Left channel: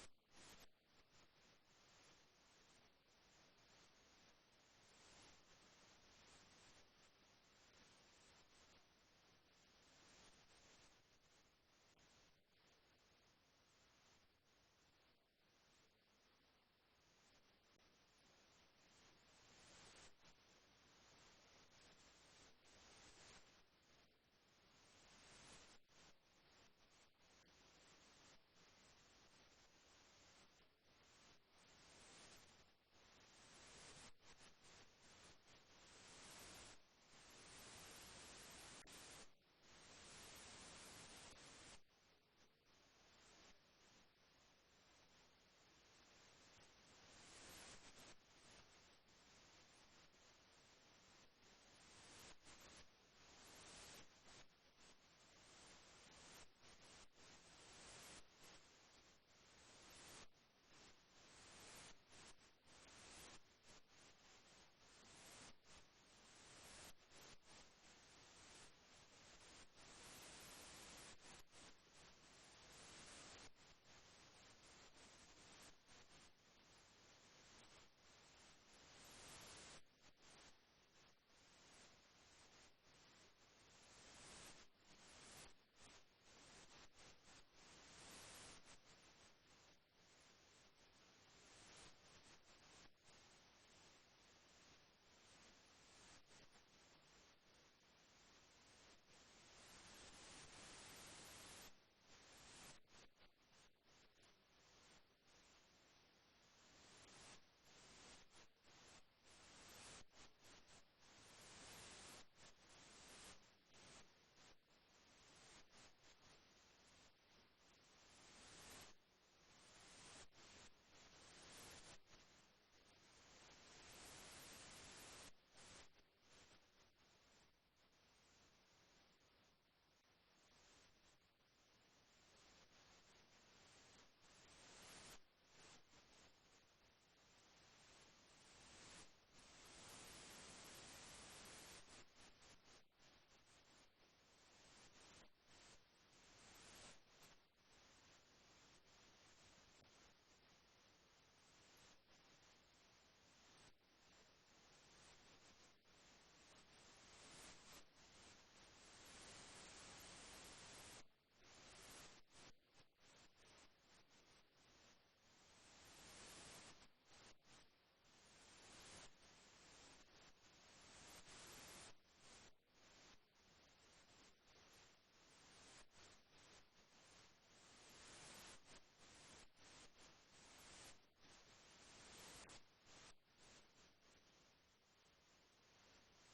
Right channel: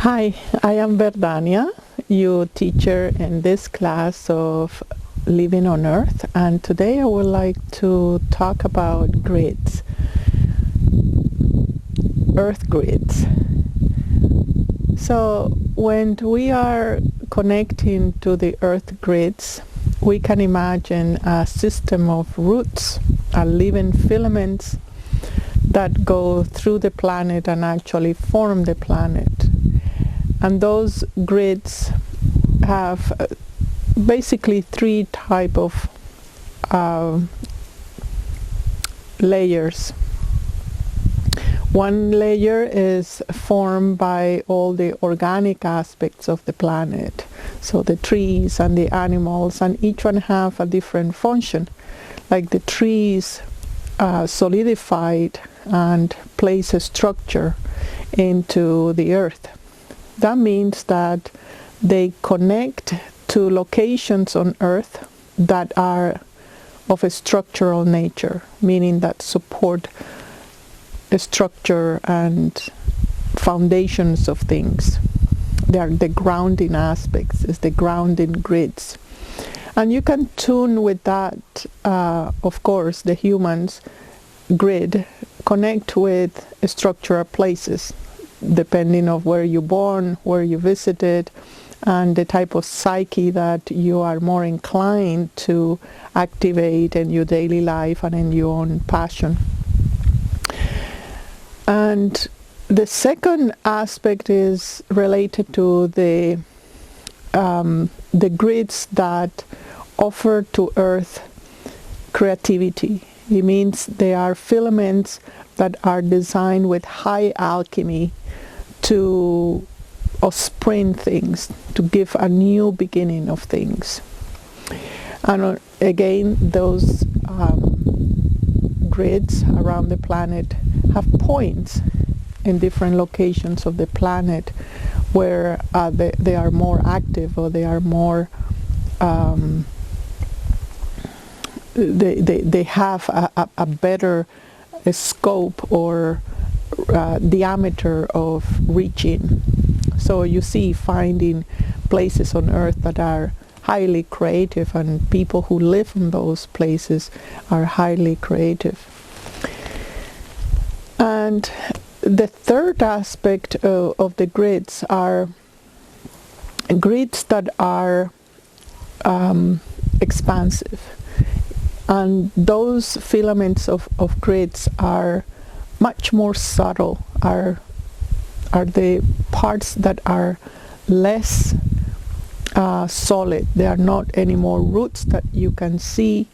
Hi, I am Verdania, your teacher in this class of Living on Earth, and today I would like to talk about grids, Earth grids. So when we are connecting to the Earth grids, we can imagine a system of roots, living filaments that go through the planet and actually form the planet. And those grids have basically three type of layers. One layer is formed by all the organic aspects of the planet, so the trees and the animals, and each one have a different function. Like the trees solidified and place a structure into the earth. That means that they connect to locations on Earth that are of a structural nature, meaning that support a structure and foundations of things. They are the grounding aspects, is the grounding grids. And you can tune with that, of course, the humans grid, connect with structural places, depending on where you're born, where you visited, and the type of psyche that you are more inclined to activate in your daily life and in your own passion. And the second aspect is related to the grids that offer to Earth creativity. It means they are filaments that are designed with high alchemy to spring things, to give a new beginning of things. And again, those grids around the planet have points in different locations of the planet where they are more active, or they are more they have a better scope or diameter of reaching. So you see, finding places on Earth that are highly creative, and people who live in those places are highly creative. And the third aspect of the grids are grids that are expansive. And those filaments of grids are much more subtle, are the parts that are less solid. They are not anymore roots that you can see.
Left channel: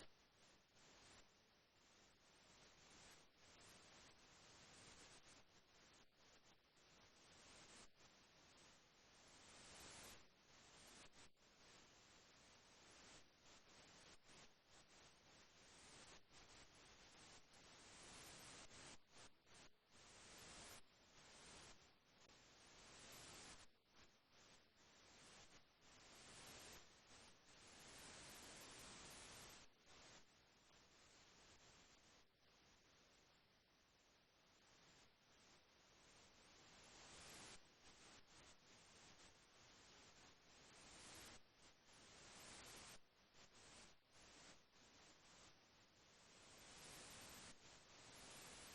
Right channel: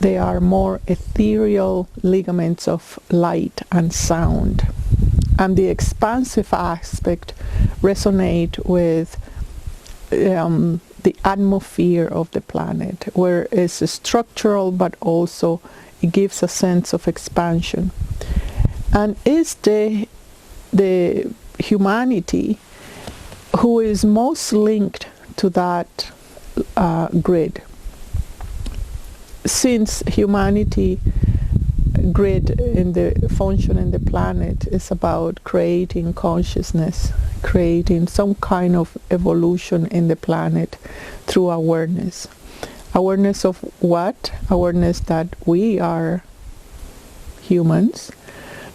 They are more ethereal ligaments of light and sound. And the expansive aspect resonate with the atmosphere of the planet, where it's structural, but also it gives a sense of expansion. And it's the humanity who is most linked to that grid. Since humanity grid in the function in the planet is about creating consciousness, creating some kind of evolution in the planet through awareness. Awareness of what? Awareness that we are humans,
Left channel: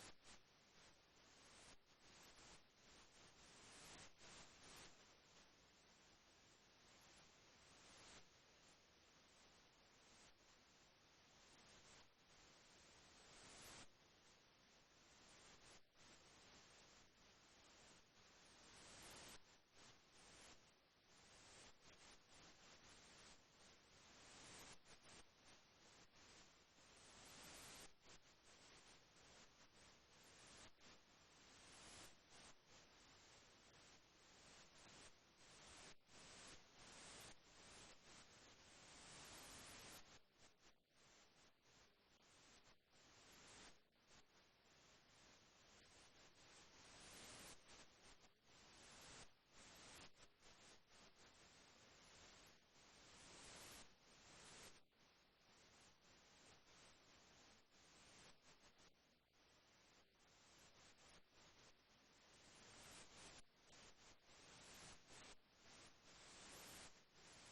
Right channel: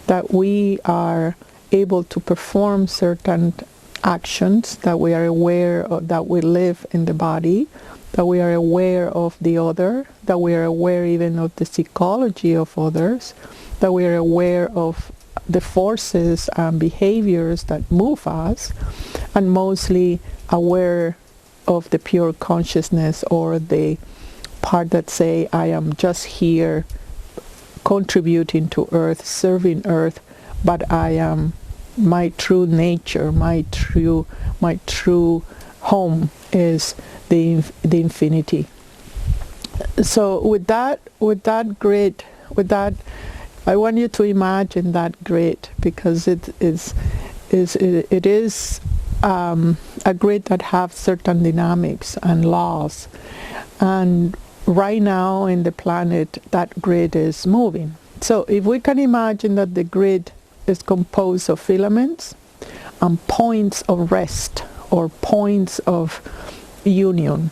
that we are able to perform certain actions, that we are aware of, that we live in the body, that we are aware of the other, that we are aware even of the psychology of others, that we are aware of the forces and behaviors that move us, and mostly aware of the pure consciousness, or the part that say, I am just here contributing to Earth, serving Earth, but I am my true nature, my true home is the infinity. So with that grid, I want you to imagine that grid, because it is a grid that have certain dynamics and laws, and right now in the planet that grid is moving. So if we can imagine that the grid is composed of filaments, points of rest or points of union.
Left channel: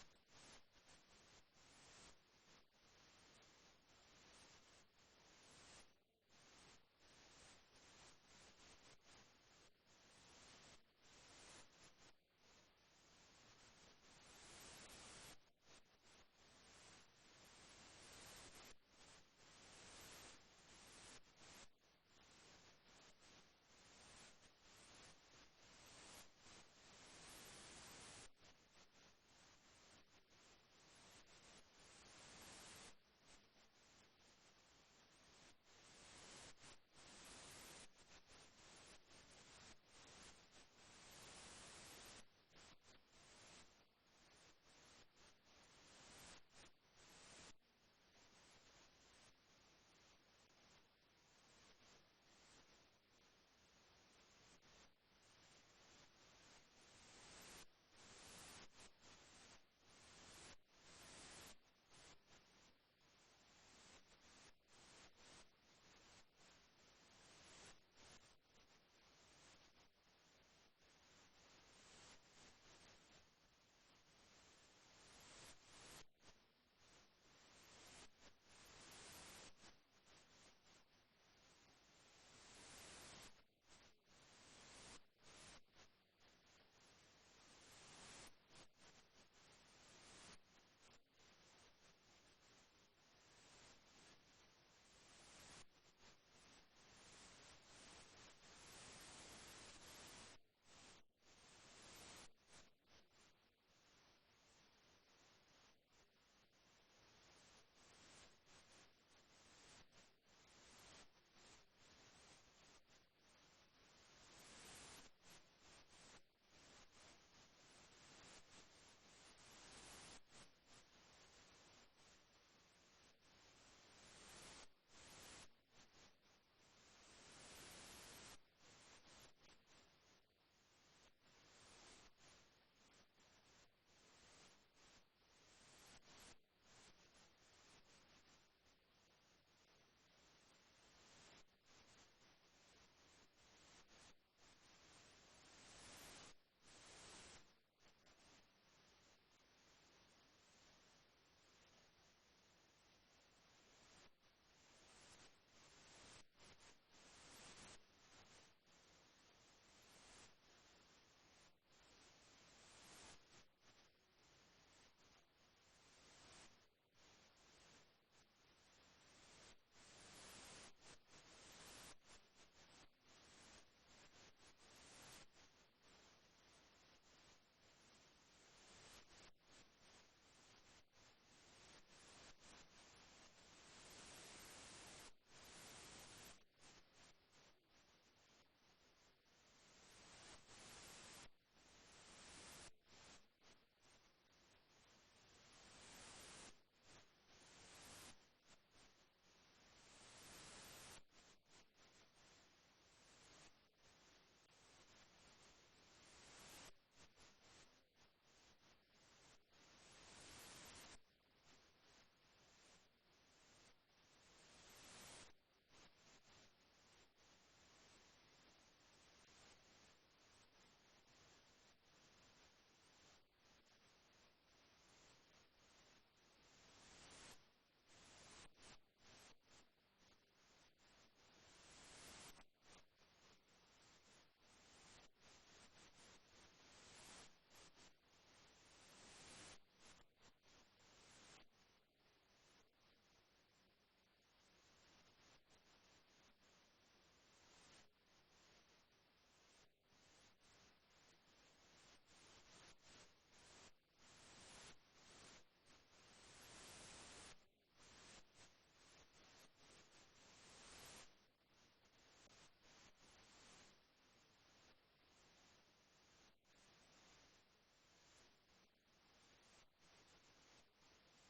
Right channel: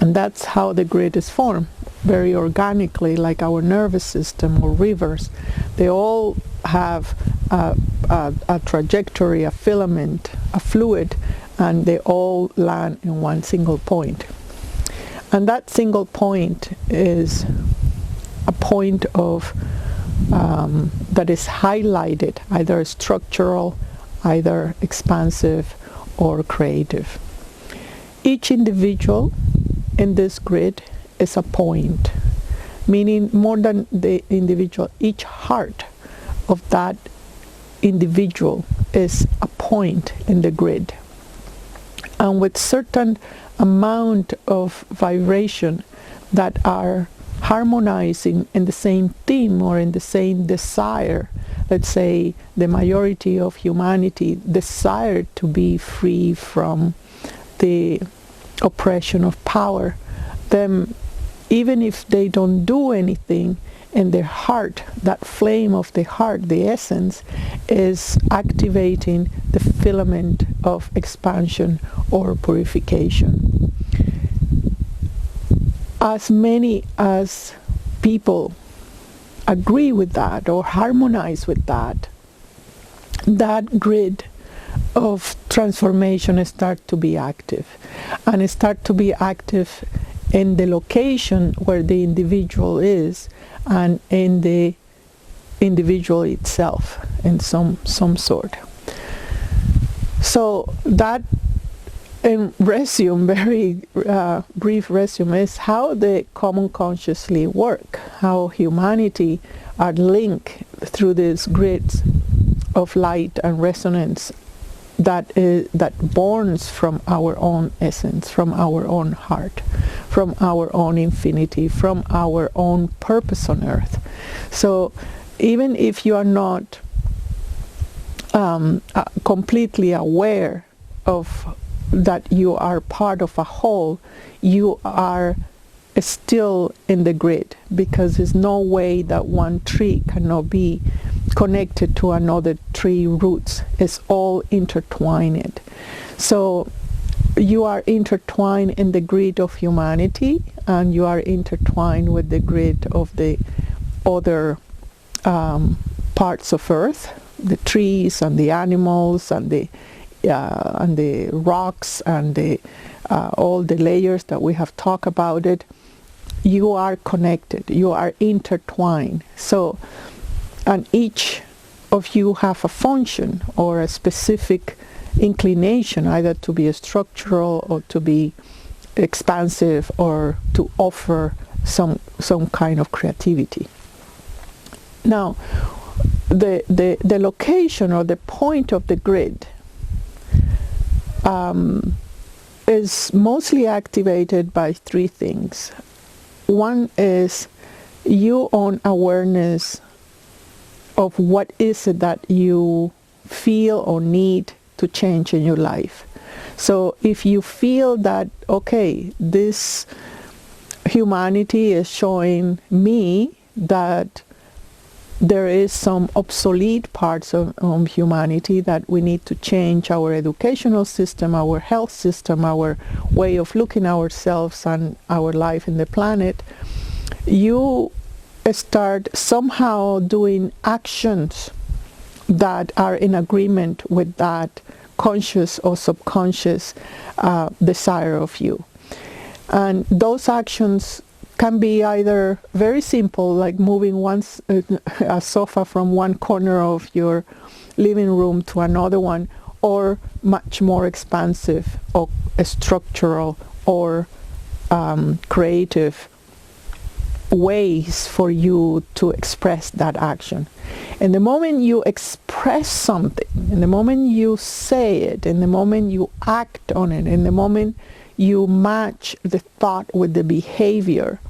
And that's how the grid is formed, very organically, like our nervous system or rivers. They all have a trajectory, a filament, a fluid, and they all land in one single point. And that single point is a point of that is highlighted, either structural, either expansive, or creative. Each individual in this grid is a point, meaning more than the individual, each heart of that individual is a point in the grid. And with certain amount of vibration that are harmonizing in the same theme or in the same desire, let's say the majority of humanity desire to be free from the oppression of power, then even if they don't do anything, in their heart, that flame of the heart, the essence, is activating the filament of expansion or purification. As many as people agree with that or harmonize with that, that grid of transformation start to be active, and it start to be active in the location where the individual is and in the individual itself in some sort. So that, in resume, very brief resume, is how the common consciously work, how humanity are linked through these grids of light and resonance that borns from our own essence, from our own heart, from our own infinity, from our own purpose on earth. So even if you are not completely aware of that you are part of a whole, you are still in the grid, because there's no way that one tree cannot be connected to another tree roots. It's all intertwined. So you are intertwined in the grid of humanity, and you are intertwined with the grid of the other parts of earth, the trees and the animals and the rocks and the all the layers that we have talked about it. You are connected, you are intertwined. So, and each of you have a function or a specific inclination, either to be structural or to be expansive or to offer some kind of creativity. Now, the location or the point of the grid is mostly activated by three things. One is your own awareness of what is it that you feel or need to change in your life. So if you feel that, okay, this humanity is showing me that there is some obsolete parts of humanity that we need to change our educational system, our health system, our way of looking at ourselves and our life in the planet, you start somehow doing actions that are in agreement with that conscious or subconscious desire of you. And those actions can be either very simple, like moving a sofa from one corner of your living room to another one, or much more expansive or structural or creative ways for you to express that action. And the moment you express something, and the moment you say it, and the moment you act on it, and the moment you match the thought with the behavior,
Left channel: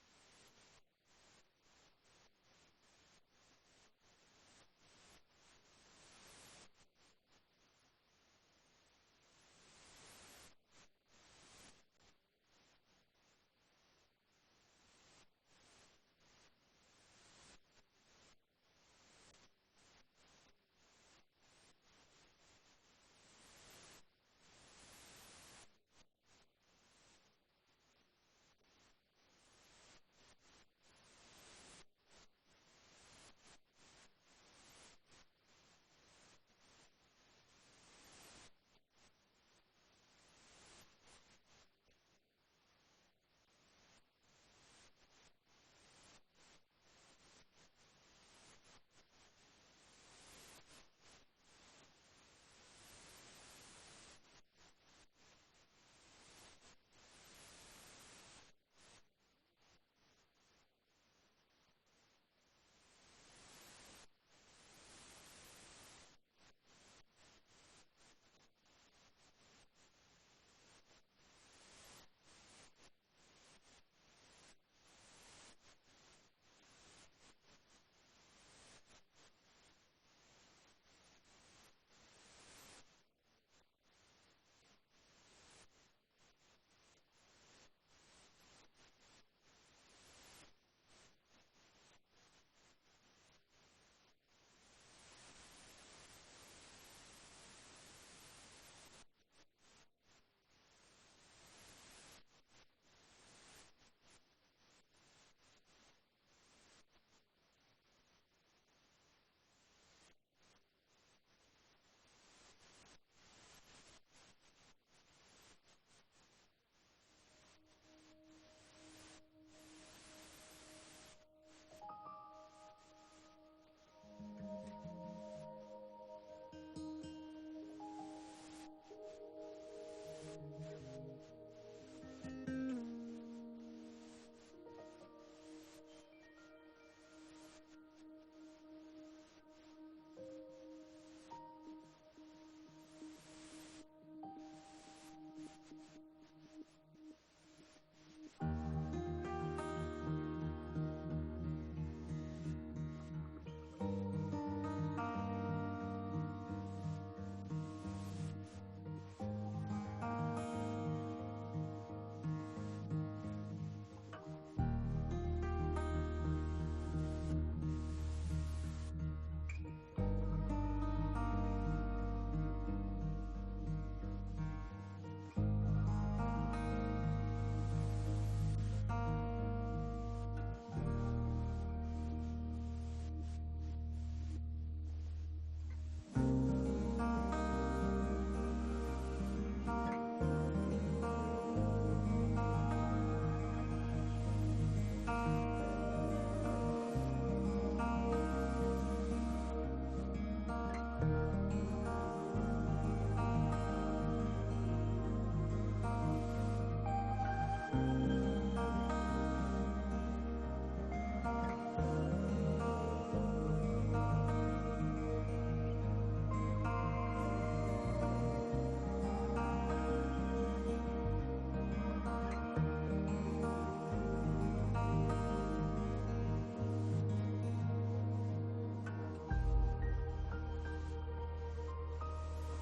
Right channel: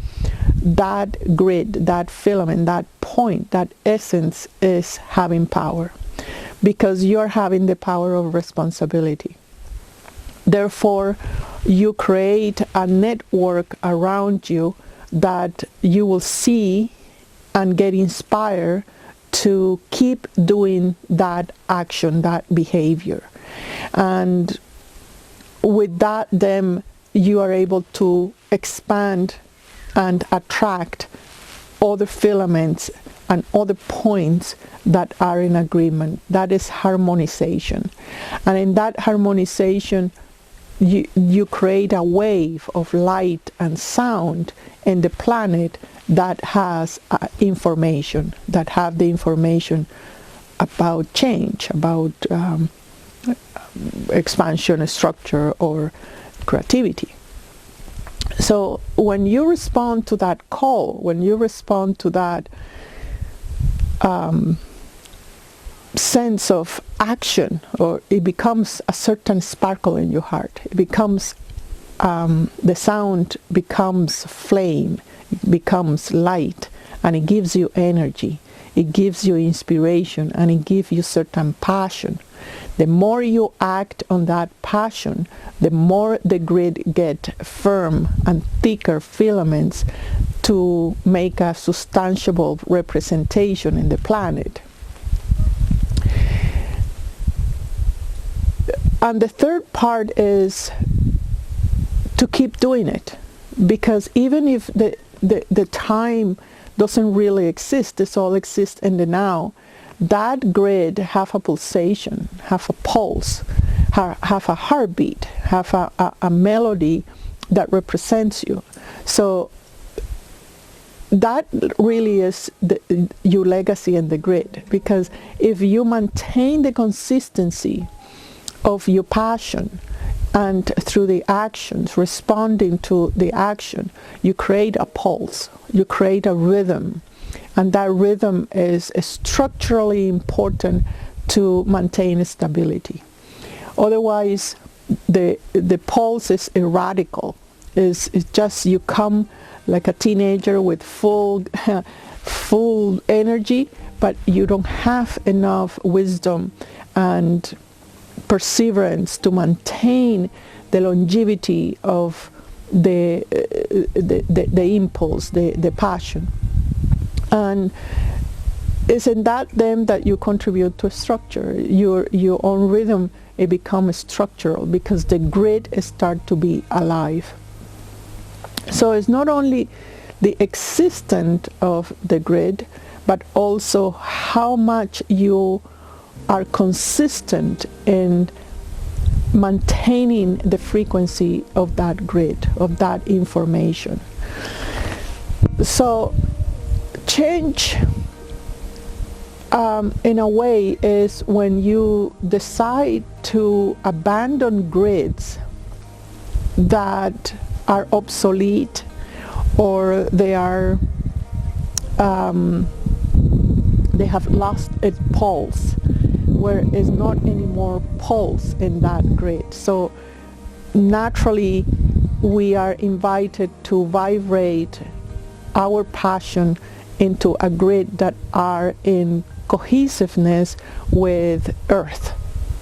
that grid, that filament, that point, that essence is having power, because you're having the power of responsibility. Therefore, you create a network around you that you will see and get inspired to keep doing that action, that behavior. And with that, then you are able to expand and attract other filaments and other points that are in agreement. That is harmonization. And in that harmonization, you create a wave of light and sound in the planet that has information, that have the information about change, about expansion, structure, or creativity. So when you respond to that call, when you respond to that sense of action, or it becomes a certain sparkle in your heart, it becomes the sound becomes flame, it becomes light, and it gives you energy, it gives you inspiration, and it gives you certain passion. The more you act on that passion, the more the grid get firm and thicker filaments to make a substantiable representation in the planet. And the third part is to keep doing it, because even if the time doesn't really exist, it all exists in the now, that grid have a pulsation, have a pulse, have a heartbeat, have a melody that represents you. So that really is your legacy in the grid, because if you maintain the consistency of your passion and through the actions, responding to the action, you create a pulse, you create a rhythm, and that rhythm is structurally important to maintain stability. Otherwise, the pulse is erratical. It's just you come like a teenager with full energy, but you don't have enough wisdom and perseverance to maintain the longevity of the impulse, the passion. And it's in that then that you contribute to structure. Your own rhythm, it becomes structural because the grid starts to be alive. So it's not only the existence of the grid, but also how much you are consistent in maintaining the frequency of that grid, of that information. So change in a way is when you decide to abandon grids that are obsolete, or they are they have lost its pulse, where is not anymore pulse in that grid. So naturally we are invited to vibrate our passion into a grid that are in cohesiveness with Earth,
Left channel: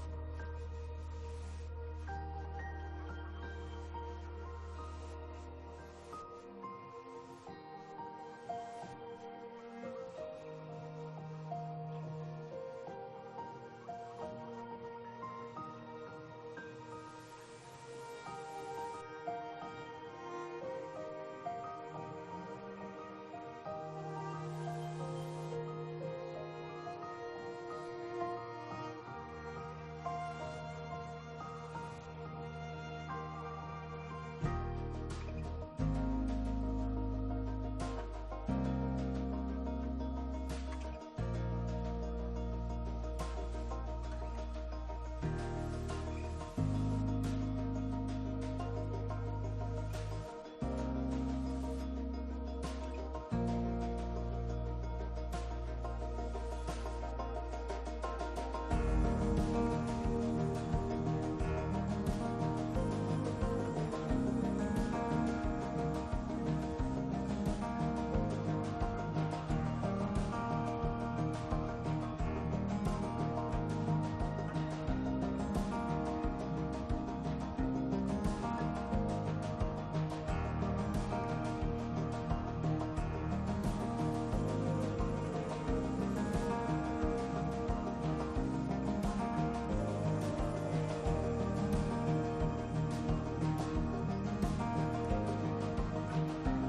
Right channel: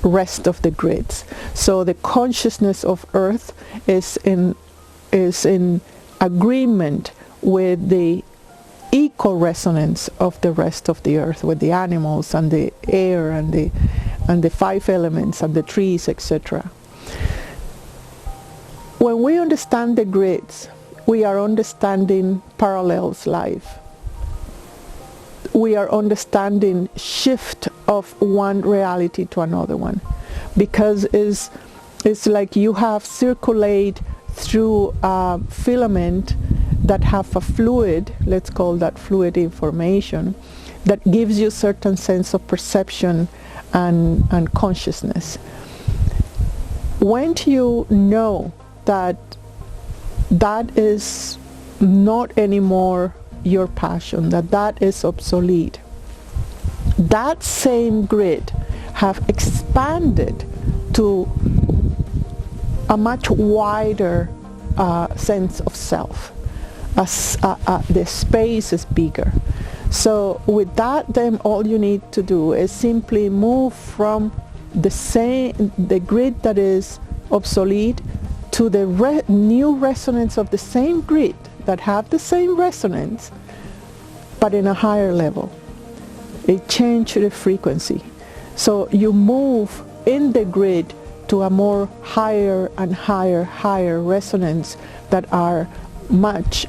rest of the grids. So the consciousness of Earth is in agreement with the eco-resonance of the rest of the Earth, with the animals and the air and the five elements and the trees, etc. When we understand the grids, we are understanding parallels life. We are understanding shift of one reality to another one, because it's like you have circulate through a filament that have a fluid, let's call that fluid information, that gives you a certain sense of perception and consciousness. When you know that that is not anymore your passion, that is obsolete, that same grid have expanded to a much wider sense of self. The space is bigger. So with that, then all you need to do is simply move from the grid that is obsolete to the new resonance of the same grid that have the same resonance, but in a higher level. it changes the frequency. So you move in the grid to a more higher and higher resonance that are much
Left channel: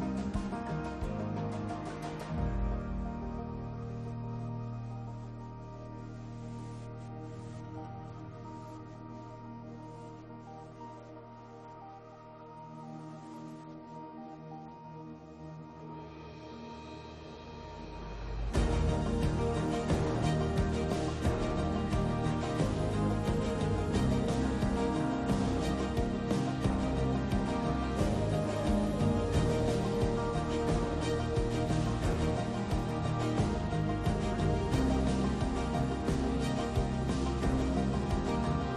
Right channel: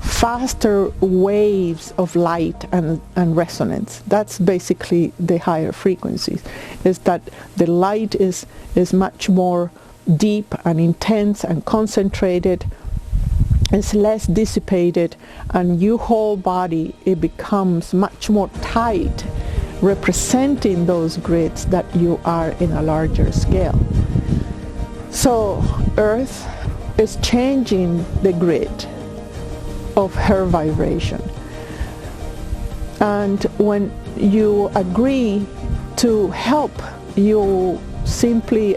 faster waves of light and resonance. That's basically the higher frequencies, is that the light is much more deep and intense and concentrated. It's less dissipated, and your whole body, it becomes much more tight, representing those grids that you are in a larger scale. So Earth is changing the grid of her vibration. And when you agree to help, you simply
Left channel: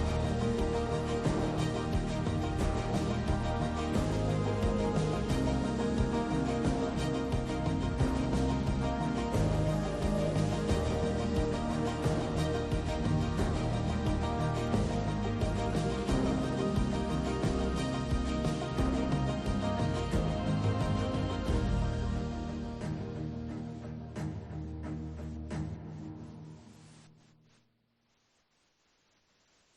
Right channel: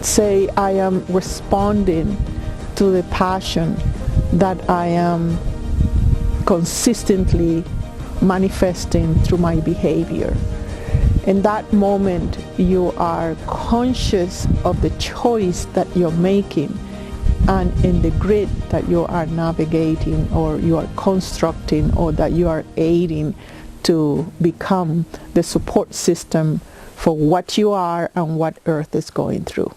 say, I am responding to the passion that I am consistently manifesting through my behavior. In that moment, you are conscious of the choice that you're making, and in the grid that you are navigating, or you are constructing, or that you are aiding to become the support system for what you are and what Earth is going through.